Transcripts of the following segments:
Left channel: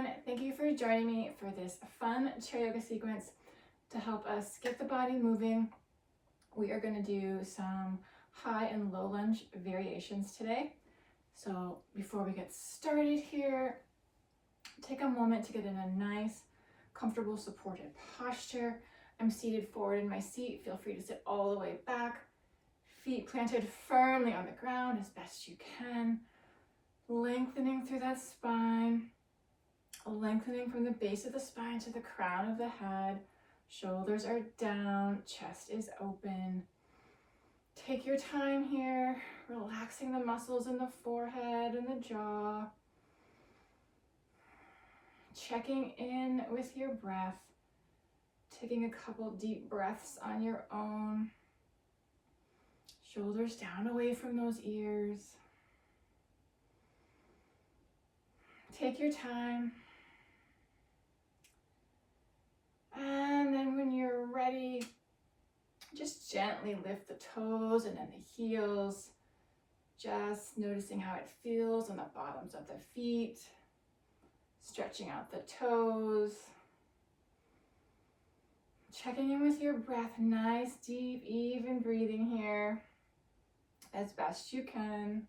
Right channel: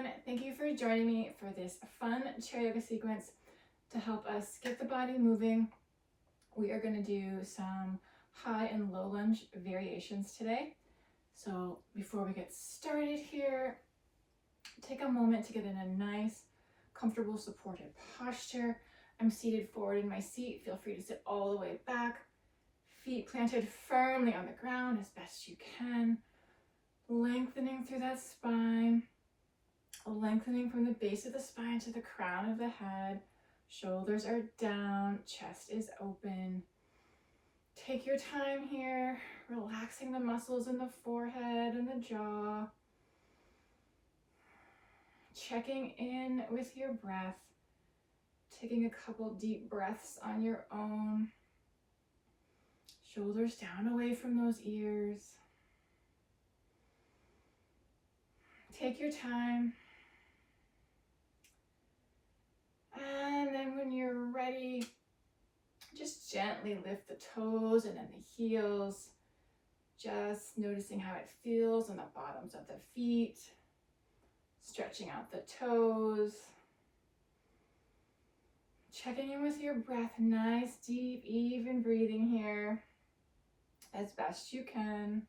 everyone. Thank you for joining me for this fun chair yoga sequence to help us get the body moving. We are going to do some high and low lunge variations today. So before we get started here, take a moment to get in a nice, comfortable, supported posture. I'm seated forward in my seat. Feel free to sit all the way back. Feet planted firmly on the ground as best you can. Lengthening through that spine. Lengthening from the base of the spine to the crown of the head. Shoulders are down, chest is open. Take your time here, relaxing the muscles in the forehead and the jaw. Checking in with your breath. Taking a couple deep breaths on your own. Shoulders down away from those ears. Take your time. And then when you're ready, just gently lift the toes and then the heels. Just noticing how it feels on the bottoms of the feet. Stretching out the toes. Checking in with your breath. Nice, deep, even breathing here as best you can.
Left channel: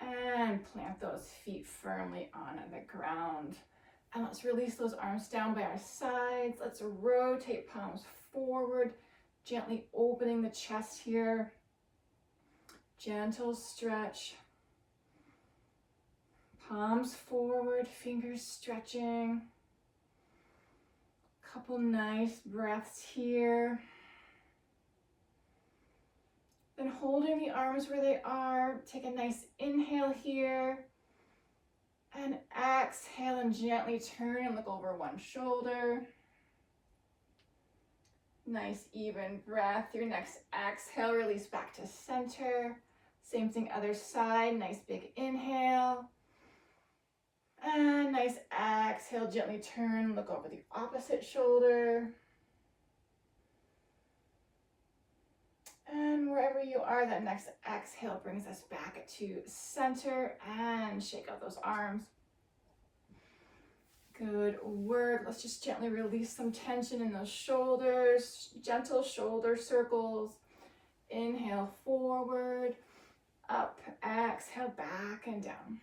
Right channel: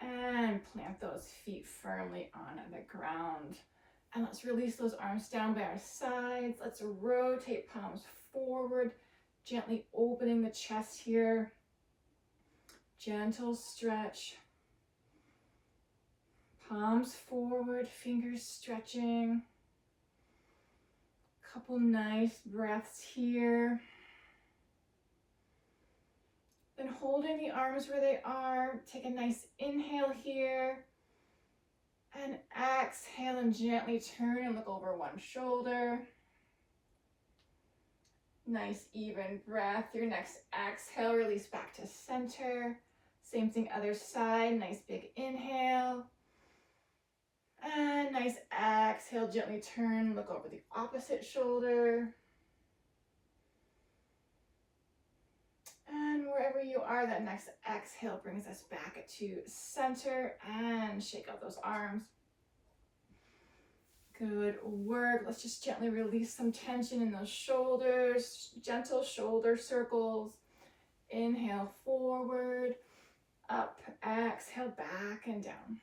And plant those feet firmly on the ground. And let's release those arms down by our sides. Let's rotate palms forward, gently opening the chest here. Gentle stretch. Palms forward, fingers stretching. Couple nice breaths here. Then holding the arms where they are, take a nice inhale here. And exhale and gently turn and look over one shoulder. Nice even breath. Your next exhale, release back to center. Same thing other side, nice big inhale. And nice exhale, gently turn, look over the opposite shoulder. And wherever you are, that next exhale brings us back to center and shake out those arms. Good work. Let's just gently release some tension in those shoulders. Gentle shoulder circles. Inhale forward, up, exhale back and down.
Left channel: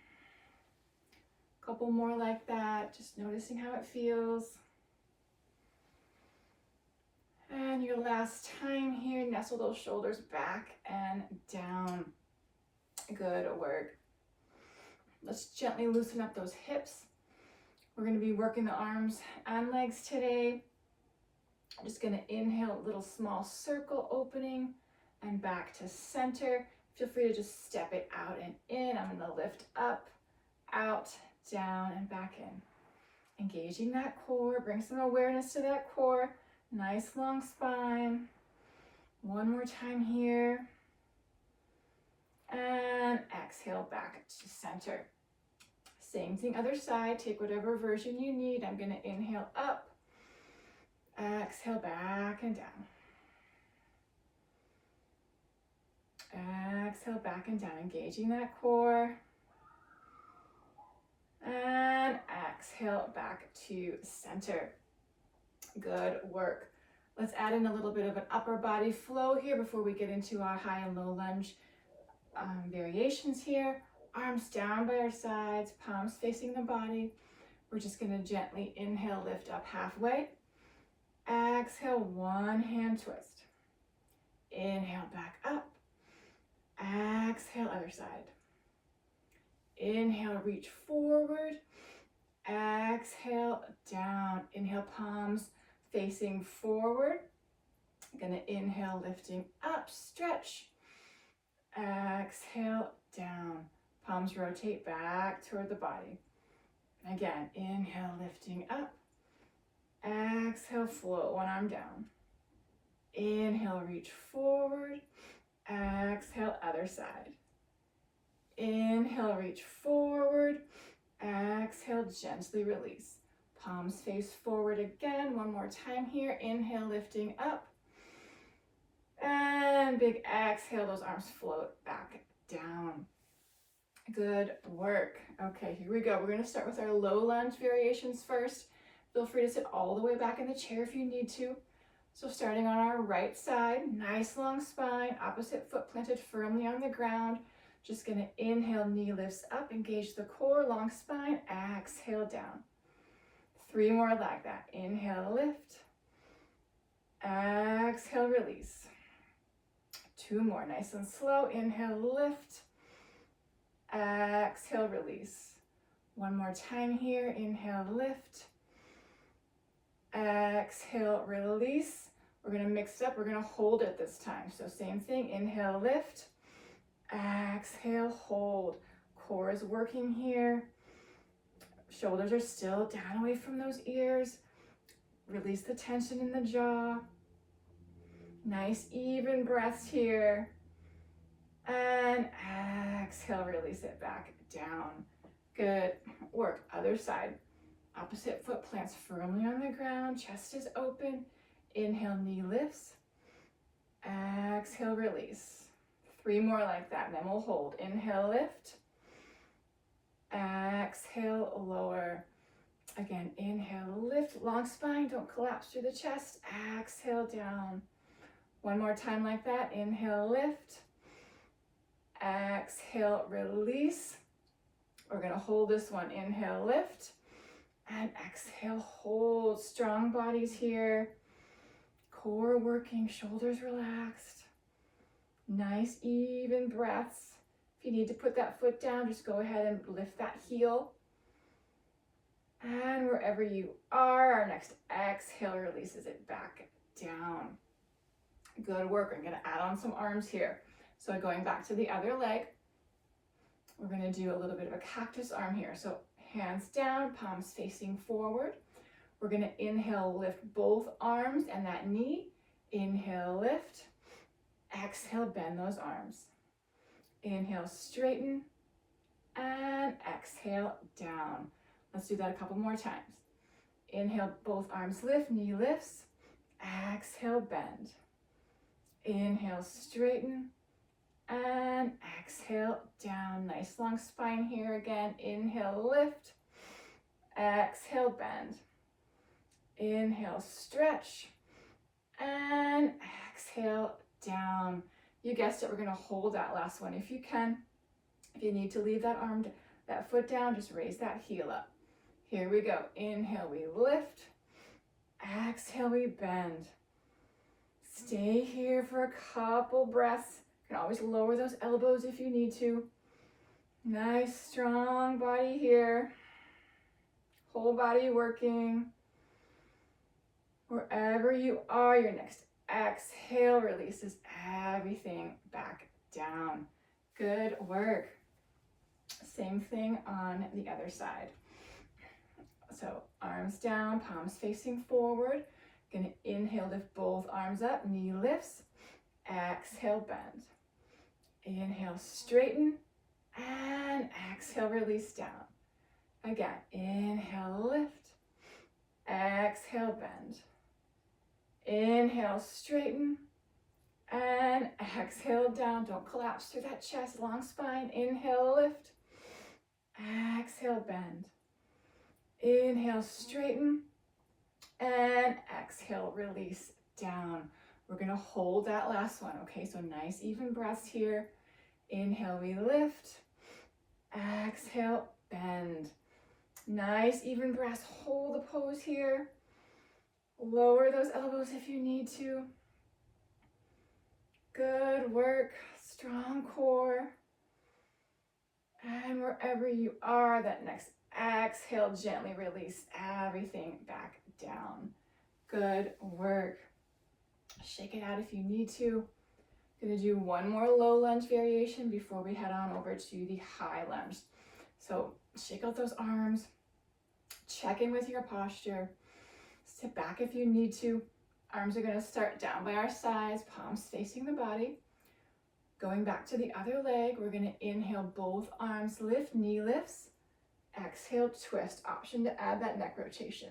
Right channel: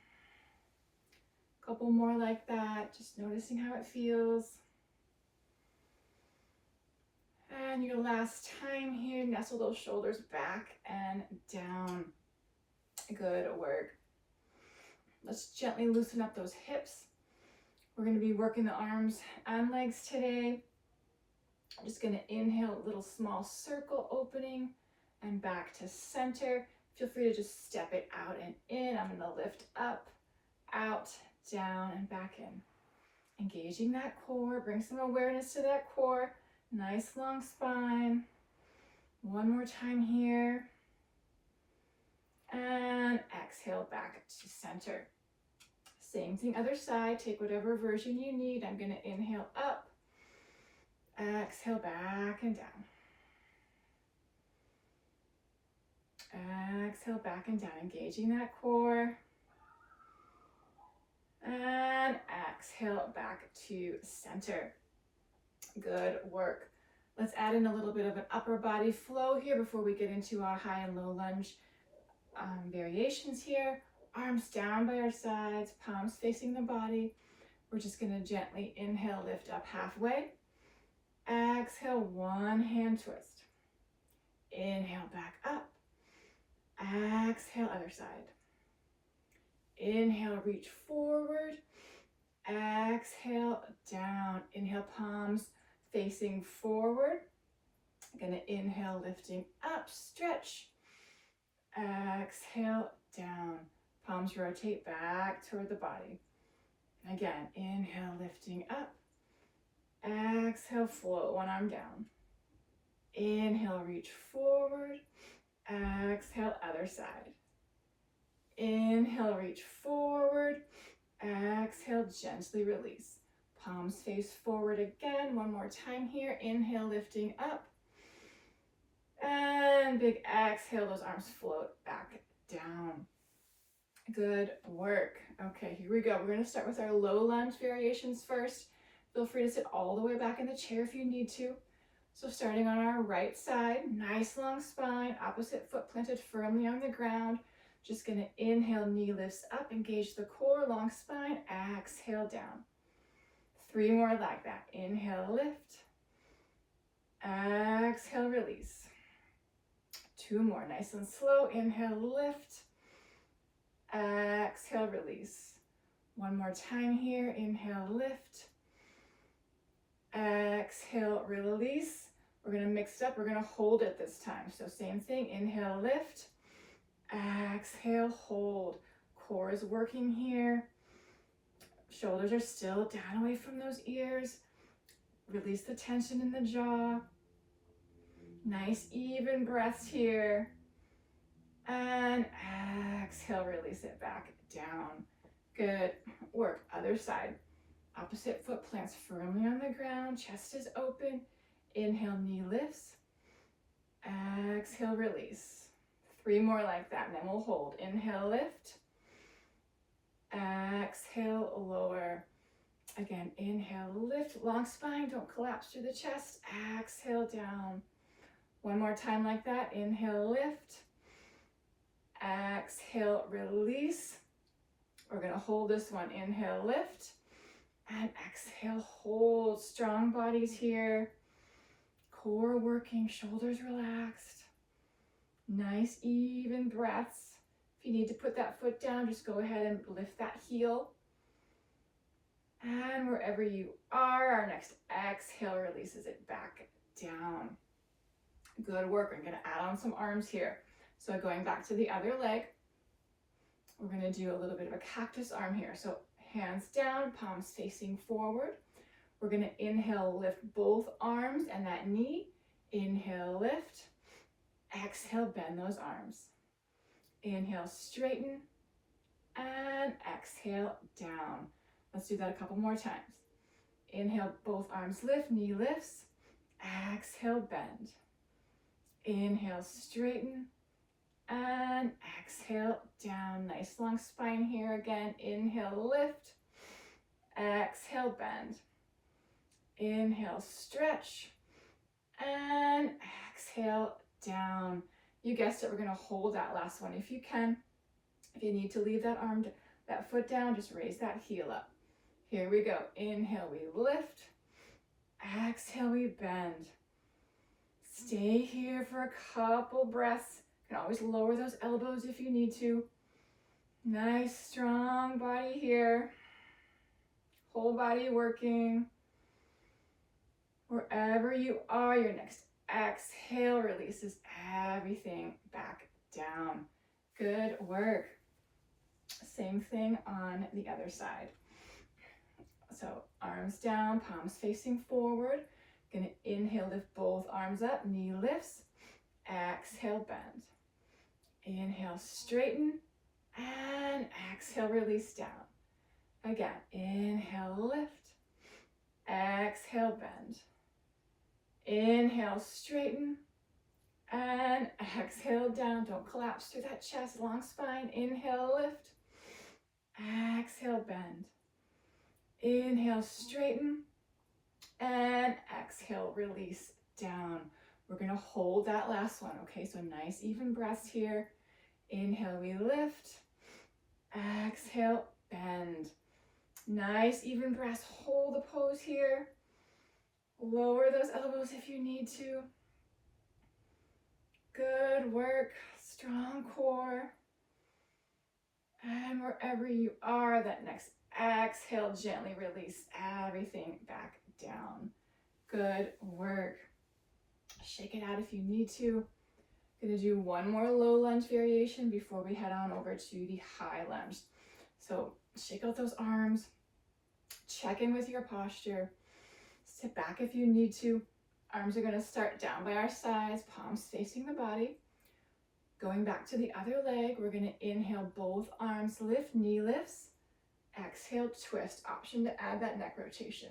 Couple more like that, just noticing how it feels. And your last time here, nestle those shoulders back and down. Good work. Let's gently loosen up those hips. We're going to be working the arms and legs today. I'm just going to inhale, a little small circle opening and back to center. Feel free to just step it out and in. I'm going to lift up, out, down, and back in. Engaging that core, bring some awareness to that core. Nice long spine. One more time here. And exhale back to center. Same thing other side. Take whatever version you need. I'm going to inhale up. Exhale back and down. Exhale back and down. Engaging that core. And exhale back to center. Good work. Let's add in a little bit of an upper body flow here before we get into our high and low lunge variations here. Arms down by our sides, palms facing the body. We're just going to gently inhale, lift up halfway. Exhale, one hand twist. Inhale, back up. Exhale, other side. Inhale, reach forward. Exhale, down. Inhale, palms facing forward. Gonna inhale, lifting up, stretch. Exhale, down. Palms rotate back toward the body. And again, inhale, lifting up. Exhale, float one arm down. Inhale, reach forward. Exhale, other side. Inhale, reach forward. Exhale, gently release. Palms face forward again. One more time here. Inhale, lifting up. And big exhale, those arms float back down. Good work. Okay, here we go. We're going to start with our low lunge variations first. Feel free to sit all the way back in the chair if you need to. So starting on our right side, nice long spine, opposite foot planted firmly on the ground. Just going to inhale, knee lifts up, engage the core, long spine, exhale down. 3 more like that. Inhale, lift, exhale, release. 2 more, nice and slow. Inhale, lift, exhale, release. 1 more time here. Inhale, lift, exhale, release. We're going to mix it up. We're going to hold it this time. So same thing. Inhale, lift, exhale, hold. Core is working here. Shoulders are still down away from those ears. Release the tension in the jaw. Nice even breaths here. And exhale, release it back down. Good work. Other side. Opposite foot plants firmly on the ground. Chest is open. Inhale, knee lifts. Exhale, release. 3 more like that, and then we'll hold. Inhale, lift. Exhale, lower. Again, inhale, lift, long spine, don't collapse through the chest. Exhale, down. 1 more time like that. Inhale, lift. Exhale, release. We're going to hold this one. Inhale, lift. And exhale, hold. Strong bodies here. Core working, shoulders relaxed. Nice, even breaths. If you need to put that foot down, just go ahead and lift that heel. And wherever you are, our next exhale releases it back down. Good work. We're going to add on some arms here. So going back to the other leg, we're going to do a little bit of a cactus arm here. So hands down, palms facing forward. We're going to inhale, lift both arms and that knee. Inhale, lift. Exhale, bend those arms. Inhale, straighten. And exhale, down. Let's do that a couple more times. Inhale, both arms lift, knee lifts. Exhale, bend. Inhale, straighten. And exhale, down. Nice long spine here again. Inhale, lift. Exhale, bend. Inhale, stretch. And exhale, down. You guessed it, we're going to hold that last one if you can. If you need to leave that arm, that foot down, just raise that heel up. Here we go. Inhale, we lift. Exhale, we bend. Stay here for a couple breaths. You can always lower those elbows if you need to. Nice, strong body here. Whole body working. Wherever you are, your next exhale releases everything back down. Good work. Same thing on the other side. So arms down, palms facing forward. Gonna inhale, lift both arms up, knee lifts. Exhale, bend. Inhale, straighten. And exhale, release down. Again, inhale, lift. Exhale, bend. Inhale, straighten. And exhale, down. Don't collapse through that chest, long spine. Inhale, lift. Exhale, bend. Inhale, straighten. And exhale, release down. We're going to hold that last one, okay? So nice, even breaths here. Inhale, we lift. Exhale, bend. Nice, even breaths. Hold the pose here. Lower those elbows if you need to. Good work. Strong core. And wherever you are, that next exhale, gently release everything back down. Good work. Shake it out if you need to. Gonna do one more low lunge variation before we head on over to the high lunge. So shake out those arms. Check in with your posture. Sit back if you need to. Arms are gonna start down by our sides, palms facing the body. Going back to the other leg, we're gonna inhale, both arms lift, knee lifts. Exhale, twist. Option to add that neck rotation.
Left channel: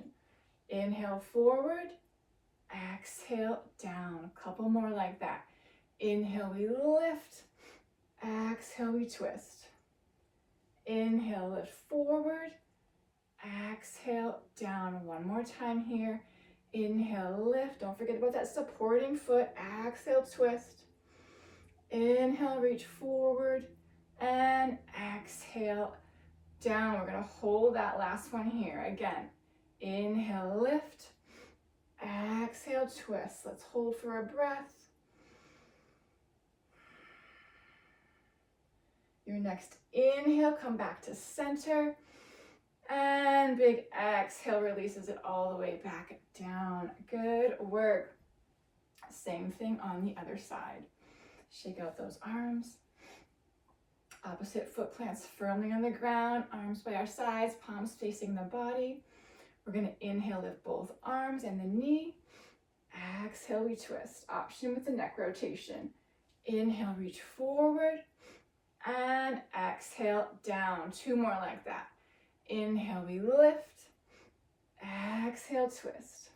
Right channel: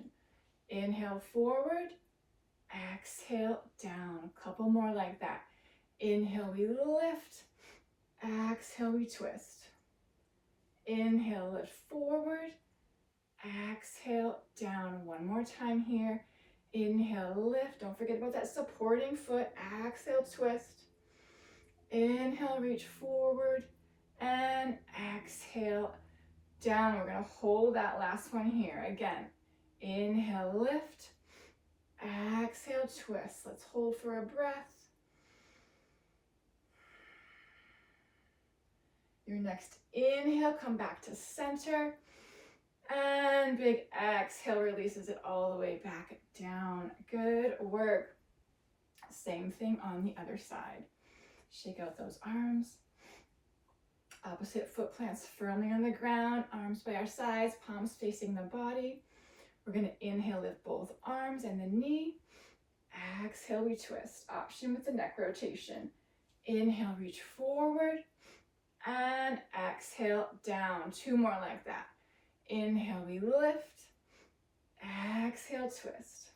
Inhale, forward. Exhale, down. A couple more like that. Inhale, we lift. Exhale, we twist. Inhale, lift forward. Exhale, down. One more time here. Inhale, lift. Don't forget about that supporting foot. Exhale, twist. Inhale, reach forward. And exhale, down. We're going to hold that last one here. Again, inhale, lift. Exhale, twist. Let's hold for a breath. Your next inhale, come back to center. And big exhale releases it all the way back down. Good work. Same thing on the other side. Shake out those arms. Opposite foot plants firmly on the ground, arms by our sides, palms facing the body. We're going to inhale, lift both arms and the knee. Exhale, we twist. Option with the neck rotation. Inhale, reach forward. And exhale, down. Two more like that. Inhale, we lift. Exhale, twist.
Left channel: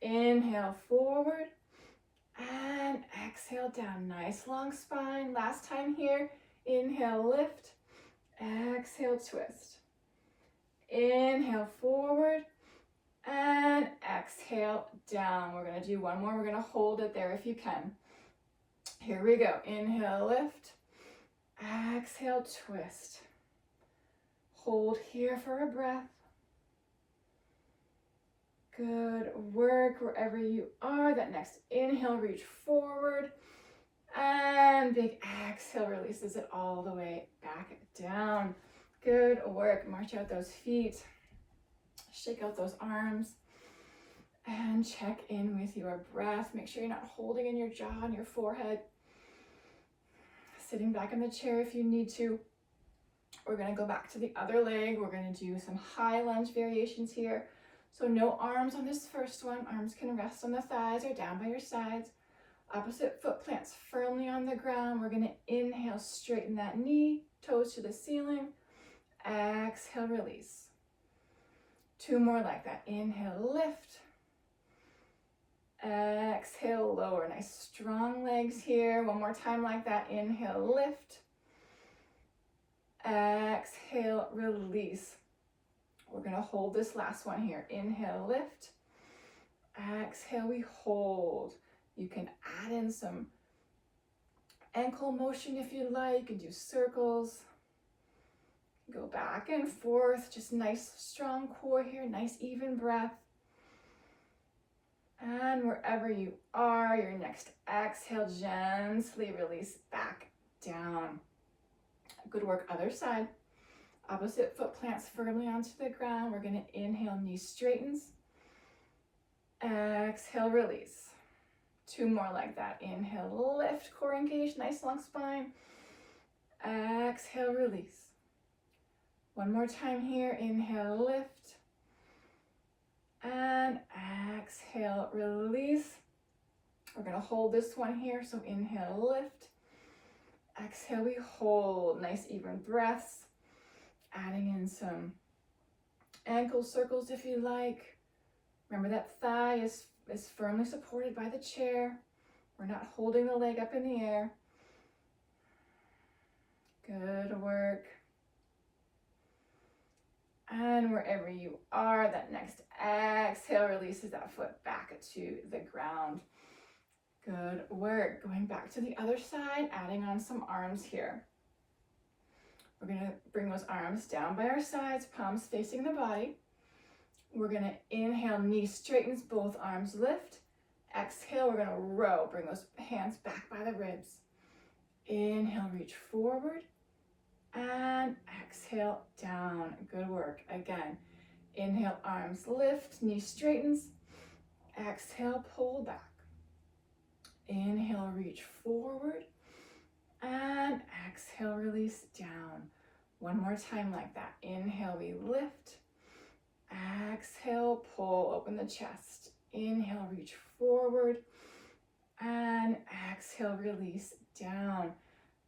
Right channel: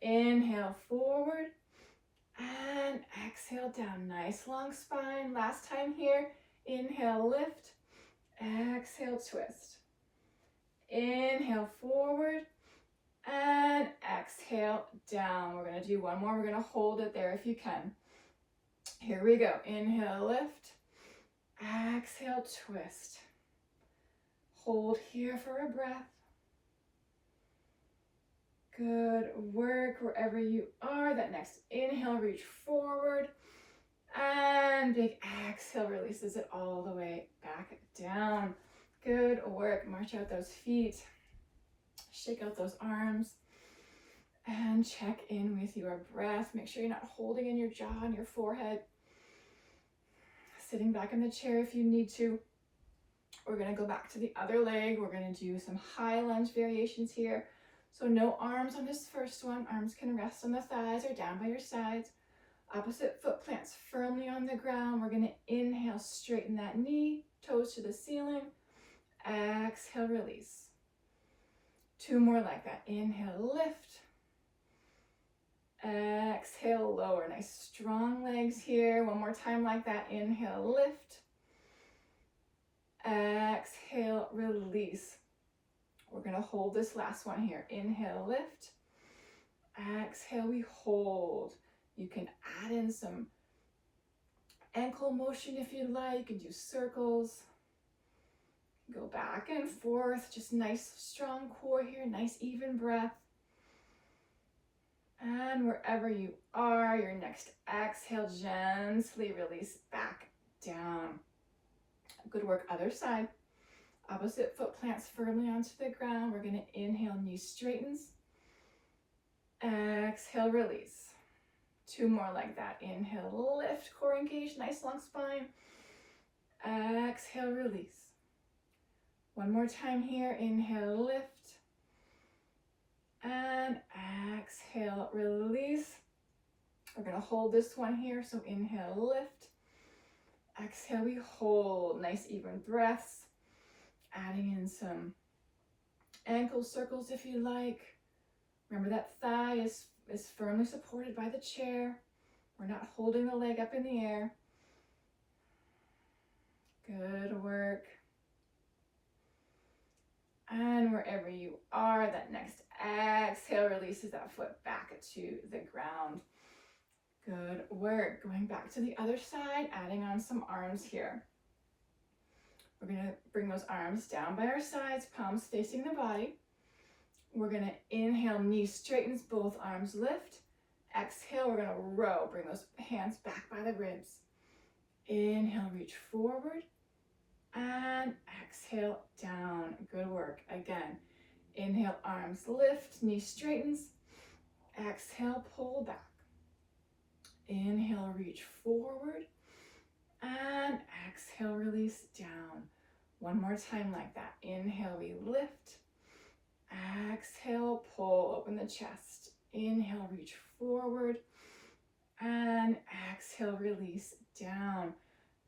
Inhale, forward. And exhale, down. Nice long spine. Last time here. Inhale, lift. Exhale, twist. Inhale, forward. And exhale, down. We're going to do one more. We're going to hold it there if you can. Here we go. Inhale, lift. Exhale, twist. Hold here for a breath. Good work wherever you are. That next inhale, reach forward. And big exhale releases it all the way back down. Good work. March out those feet. Shake out those arms. And check in with your breath. Make sure you're not holding in your jaw and your forehead. Sitting back in the chair if you need to. We're going to go back to the other leg. We're going to do some high lunge variations here. So no arms on this first one. Arms can rest on the thighs or down by your sides. Opposite foot plants firmly on the ground. We're going to inhale, straighten that knee, toes to the ceiling. Exhale, release. Two more like that. Inhale, lift. Exhale, lower. Nice strong legs here. One more time like that. Inhale, lift. Exhale, release. We're going to hold this last one here. Inhale, lift. Exhale, we hold. You can add in some ankle motion if you like and do circles. Go back and forth. Just nice strong core here. Nice even breath. And wherever you are, your next exhale, gently release back down. Good work, other side. Opposite foot plants firmly onto the ground. We're going to inhale, knee straightens. Exhale, release. Two more like that. Inhale, lift, core engaged, nice long spine. Exhale, release. One more time here. Inhale, lift. And exhale, release. We're going to hold this one here. So inhale, lift. Exhale, we hold. Nice even breaths. Adding in some ankle circles if you like. Remember that thigh is firmly supported by the chair. We're not holding the leg up in the air. Good work. And wherever you are, that next exhale releases that foot back to the ground. Good work. Going back to the other side, adding on some arms here. We're going to bring those arms down by our sides, palms facing the body. We're going to inhale, knee straightens, both arms lift. Exhale, we're going to row. Bring those hands back by the ribs. Inhale, reach forward. And exhale, down. Good work. Again, inhale, arms lift, knee straightens. Exhale, pull back. Inhale, reach forward. And exhale, release down. One more time like that. Inhale, we lift. Exhale, pull, open the chest. Inhale, reach forward. And exhale, release down.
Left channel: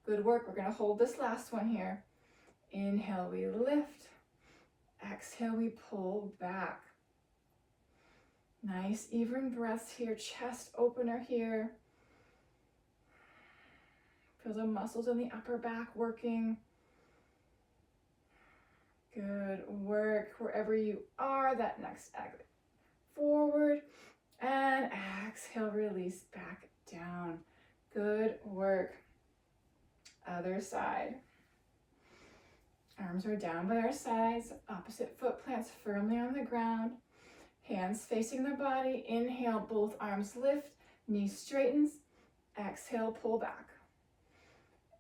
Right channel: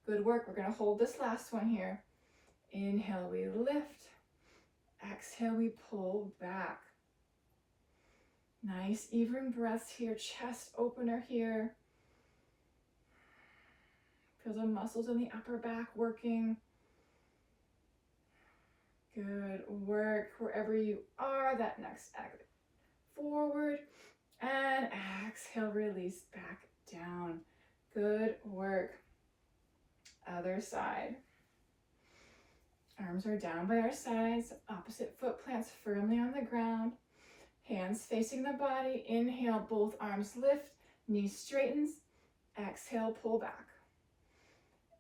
Good work. We're going to hold this last one here. Inhale, we lift. Exhale, we pull back. Nice even breaths here. Chest opener here. Feel the muscles in the upper back working. Good work. Wherever you are, that next exhale forward, and exhale, release back down. Good work. Other side. Arms are down by our sides, opposite foot plants firmly on the ground. Hands facing the body. Inhale, both arms lift, knee straightens. Exhale, pull back.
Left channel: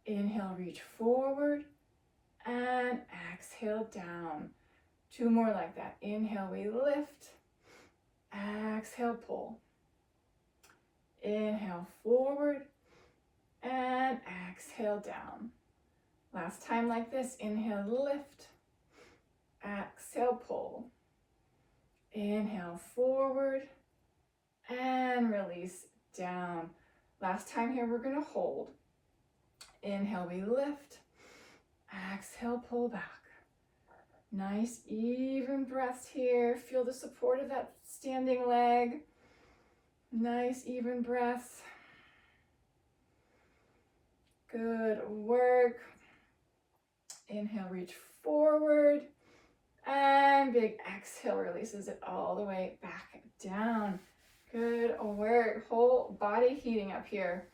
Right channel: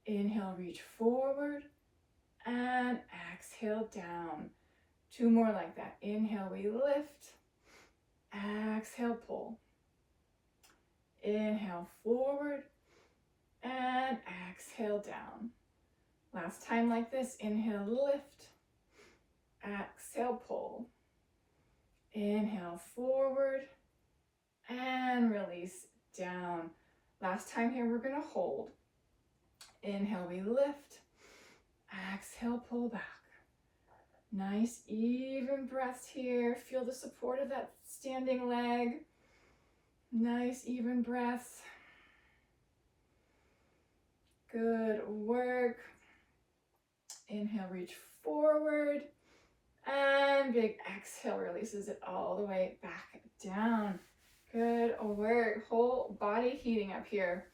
Inhale, reach forward, and exhale, down. 2 more like that. Inhale, we lift. Exhale, pull. Inhale, forward, and exhale, down. Last time like this. Inhale, lift. Exhale, pull. Inhale, forward, and release down. Last time here, we're going to hold. Inhale, we lift. Exhale, pull back. Nice, even breaths here. Feel the support of that standing leg. Nice, even breaths. Good work. Inhale, reach forward. And big exhale releases it all the way back down. Good work. Whole body heating up here.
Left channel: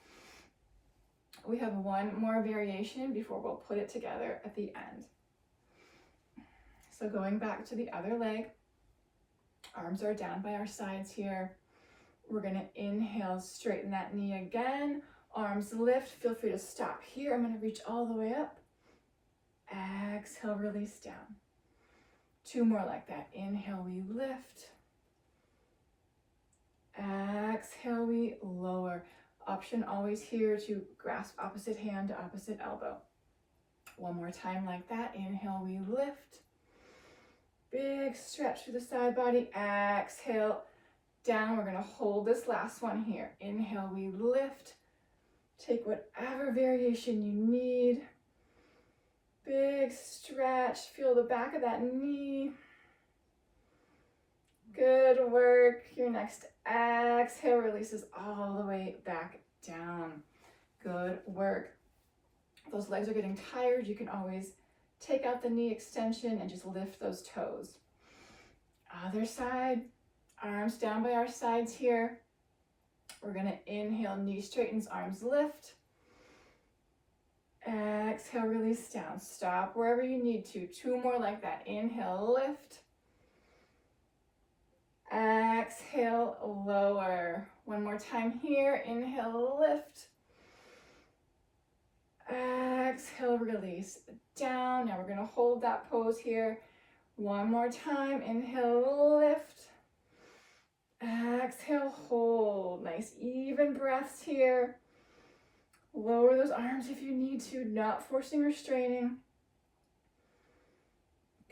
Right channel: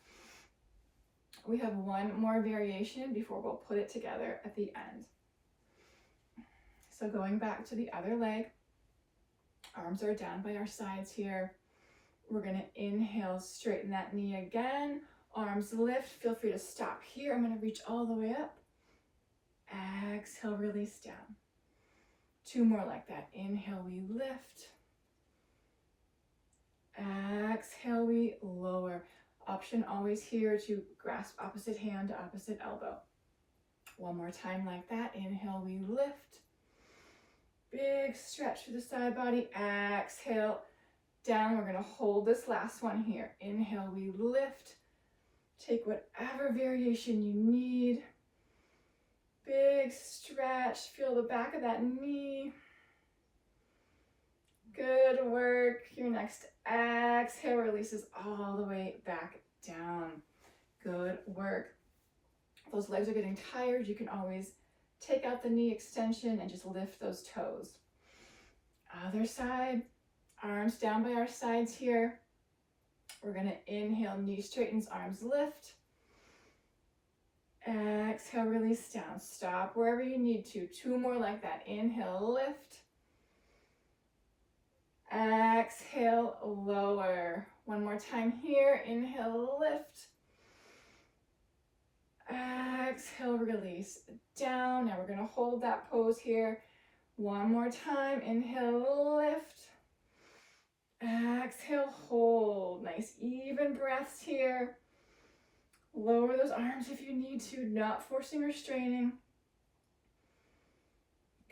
We have one more variation before we'll put it together at the end. So going back to the other leg, arms are down by our sides here. We're going to inhale, straighten that knee again. Arms lift. Feel free to stop here. I'm going to reach all the way up. Exhale, release down. 2 more like that. Inhale, we lift. Exhale, we lower. Option always here to grasp opposite hand to opposite elbow. 1 more time like that. Inhale, we lift. Big stretch through the side body. Exhale, down. We're going to hold this last one here. Inhale, we lift. Take whatever variation you need. Big stretch. Feel the back of that knee. Good work. Your next exhale releases all the way back down. Good work. If those legs are getting tired, you can always take out the knee extension and just lift those toes. Other side. Arms down by our sides here. We're going to inhale, knee straightens, arms lift. Exhale, release down. Stop wherever you need to. 2 more like that. Inhale, lift. Exhale, lower. 1 more time here. Inhale, lift. Exhale, release down. Now we're going to hold that pose here. 1 more time. Inhale, lift. Exhale, hold. Nice, even breaths here. Lower those arms if you need to, not forcing or straining.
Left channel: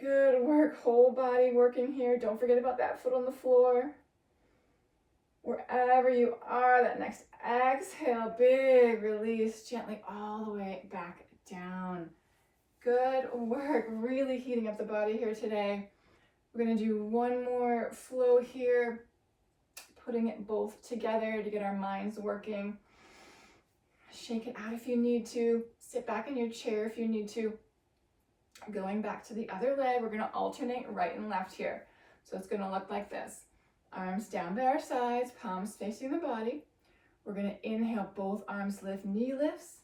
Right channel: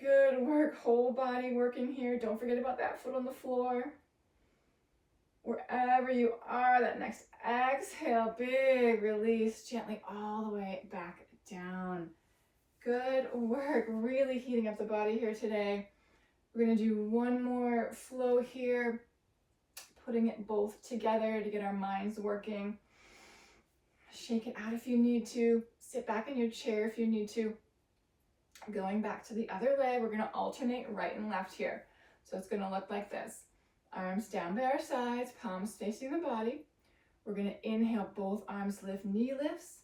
Good work, whole body working here. Don't forget about that foot on the floor. Wherever you are, that next exhale, big release, gently all the way back down. Good work, really heating up the body here today. We're going to do 1 more flow here, putting it both together to get our minds working. Shake it out if you need to. Sit back in your chair if you need to. Going back to the other leg, we're going to alternate right and left here. So it's going to look like this. Arms down by our sides, palms facing the body. We're going to inhale, both arms lift, knee lifts.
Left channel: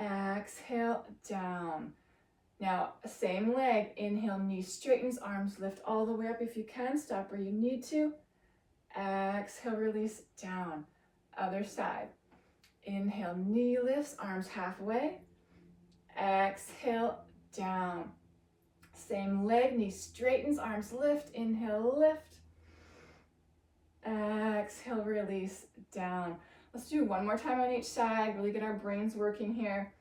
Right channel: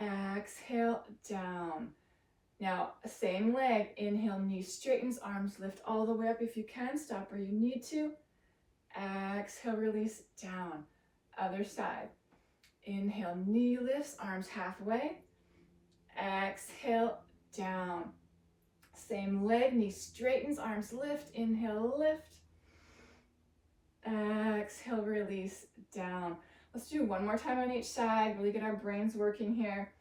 Exhale, down. Now, same leg. Inhale, knee straightens, arms lift all the way up if you can. Stop where you need to. Exhale, release down. Other side. Inhale, knee lifts, arms halfway. Exhale, down. Same leg, knee straightens, arms lift. Inhale, lift. Exhale, release down. Let's do 1 more time on each side. Really get our brains working here.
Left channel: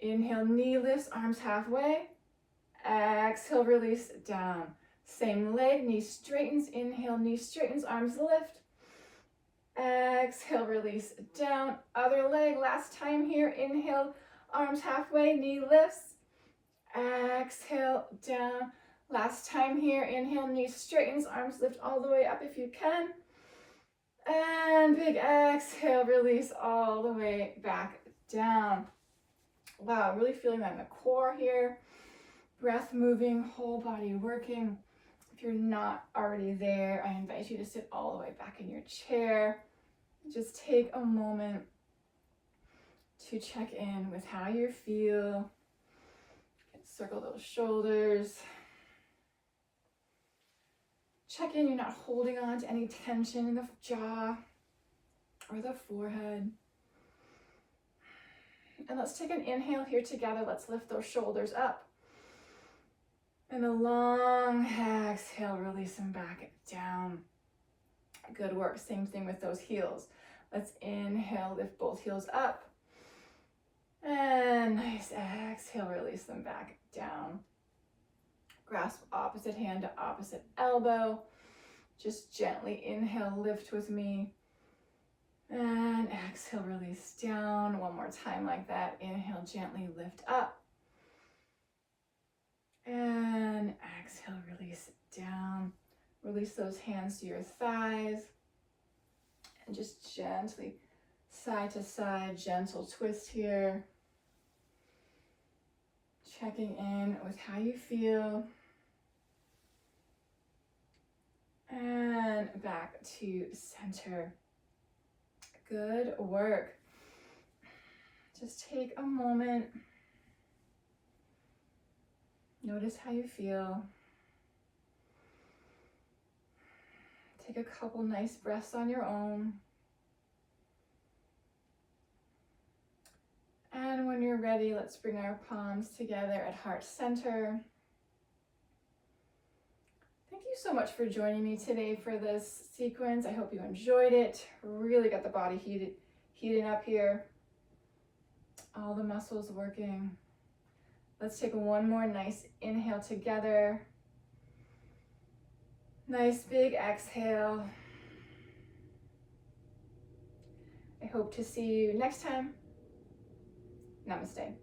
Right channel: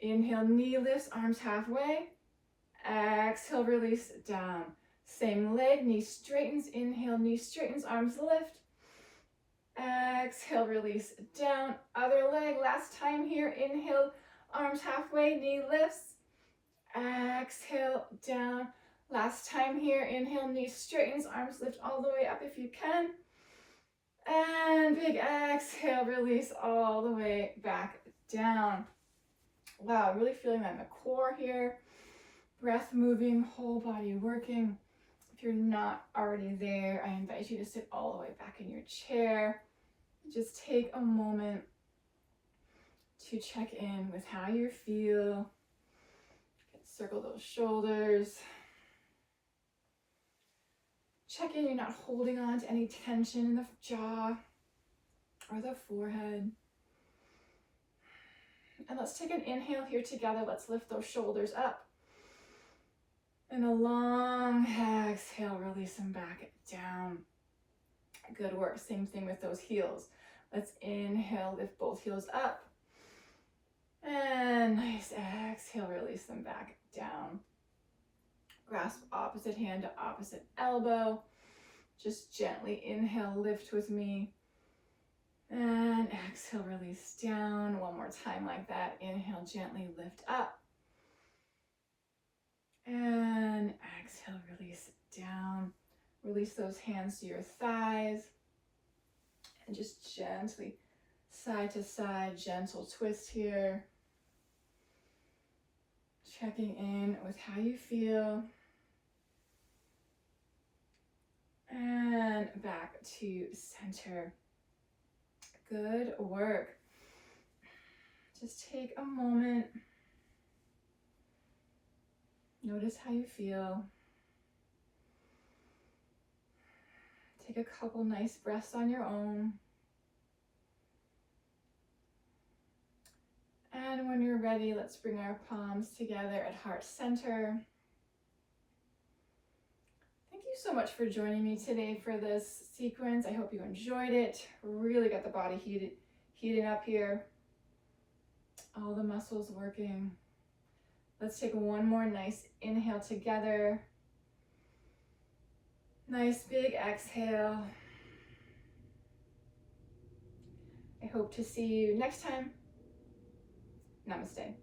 Inhale, knee lifts, arms halfway. Exhale, release down. Same leg, knee straightens. Inhale, knee straightens, arms lift. Exhale, release down. Other leg, last time here. Inhale, arms halfway, knee lifts. Exhale, down. Last time here. Inhale, knee straightens, arms lift all the way up if you can. And big exhale, release all the way back down. Wow, really feeling that in the core here. Breath moving, whole body working. If you're not already there, I invite you to sit all the way back in your chair. Just take a moment to check in with how you feel. Circle those shoulders. Check in, you're not holding on to any tension in the jaw or the forehead. And let's take an inhale here together. Let's lift those shoulders up. And a long exhale, release them back down. Good work. Same thing with those heels. Let's inhale, lift both heels up. And nice exhale, release them back down. Grasp opposite hand to opposite elbow. Just gently inhale, lift with me. And exhale, release down. One more time like that. Inhale, gently lift up. And exhale, release down. Release those hands to your thighs. And just gently, side to side, gentle twist here. Checking in with how you feel. And back to center. Good work. Just take a moment. Notice how you feel. Take a couple nice breaths on your own. And when you're ready, let's bring our palms together at heart center. Thank you so much for joining me today for this sequence. I hope you enjoyed it. Really got the body heating up here. All the muscles working. Let's take one more nice inhale together. Nice big exhale. I hope to see you next time. Namaste.